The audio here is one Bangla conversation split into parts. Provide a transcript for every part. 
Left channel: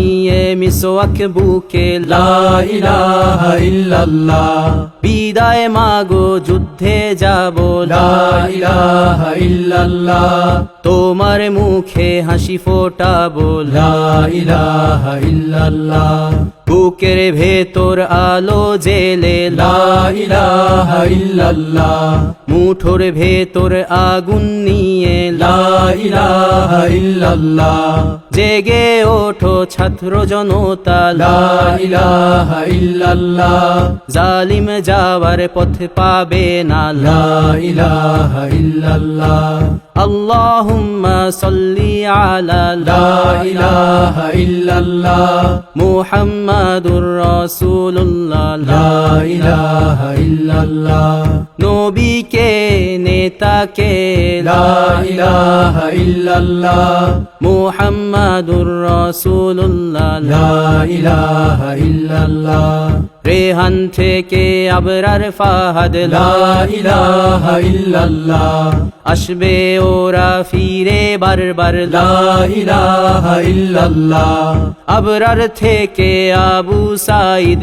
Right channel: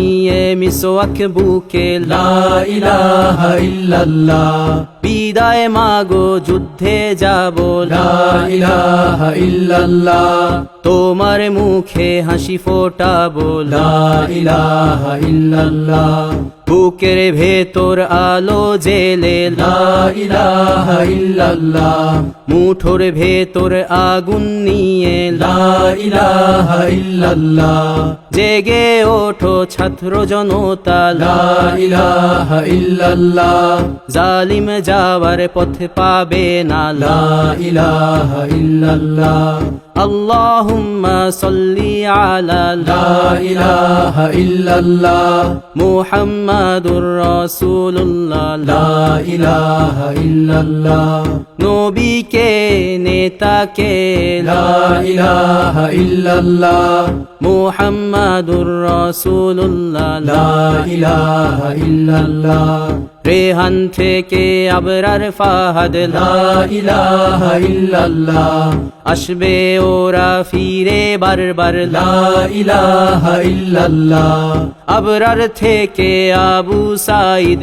নিয়ে মিসোয়াক বুকে বিদায় মাগো যুদ্ধে যাব তোমার মুখে হাসি ফোটা ফোটাবো বুকের ভেতর আলো জেলে মুঠোর ভেতর আগুন নিয়ে জেগে ওঠো ছাদ ছাত্র জনতা জালিম যাওয়ার পথ পাবে না আল্লাহুম্মা সাল্লি আলা লা ইলাহা ইল্লাল্লাহ মুহাম্মাদুর রাসূলুল্লাহ লা ইলাহা ইল্লাল্লাহ নবীকে ইল্লাল্লাহ রেহান থেকে আবরার ফাহাদ ইল্লাল্লাহ আসবে ওরা ফিরে বারবার ইল্লাল্লাহ আবরার থেকে আবু সাইদ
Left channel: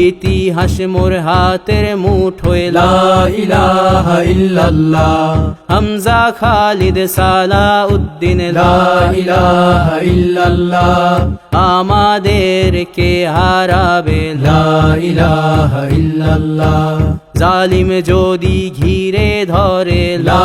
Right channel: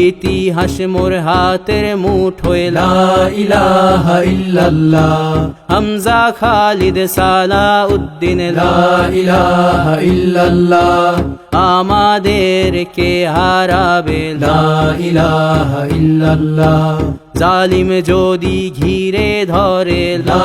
ইতিহাস মোর হাতের মুঠোয় হামজা খালিদ সালা উদ্দিন আমাদেরকে হারাবে জালিম যদি ঘিরে ধরে লা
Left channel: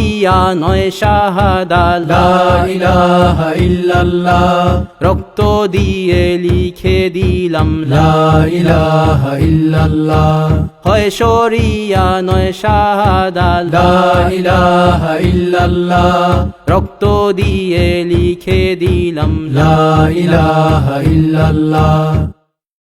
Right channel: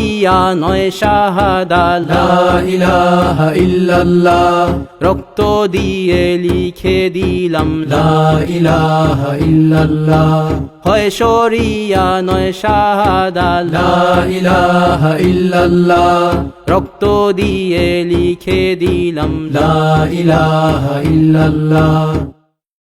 পাপিয়া নয় ইল্লাল্লাহ রক্ত দিয়ে লিখে দিলাম ইল্লাল্লাহ হয় শরিয়া নয় ইল্লাল্লাহ রক্ত দিয়ে লিখে দিলাম ইল্লাল্লাহ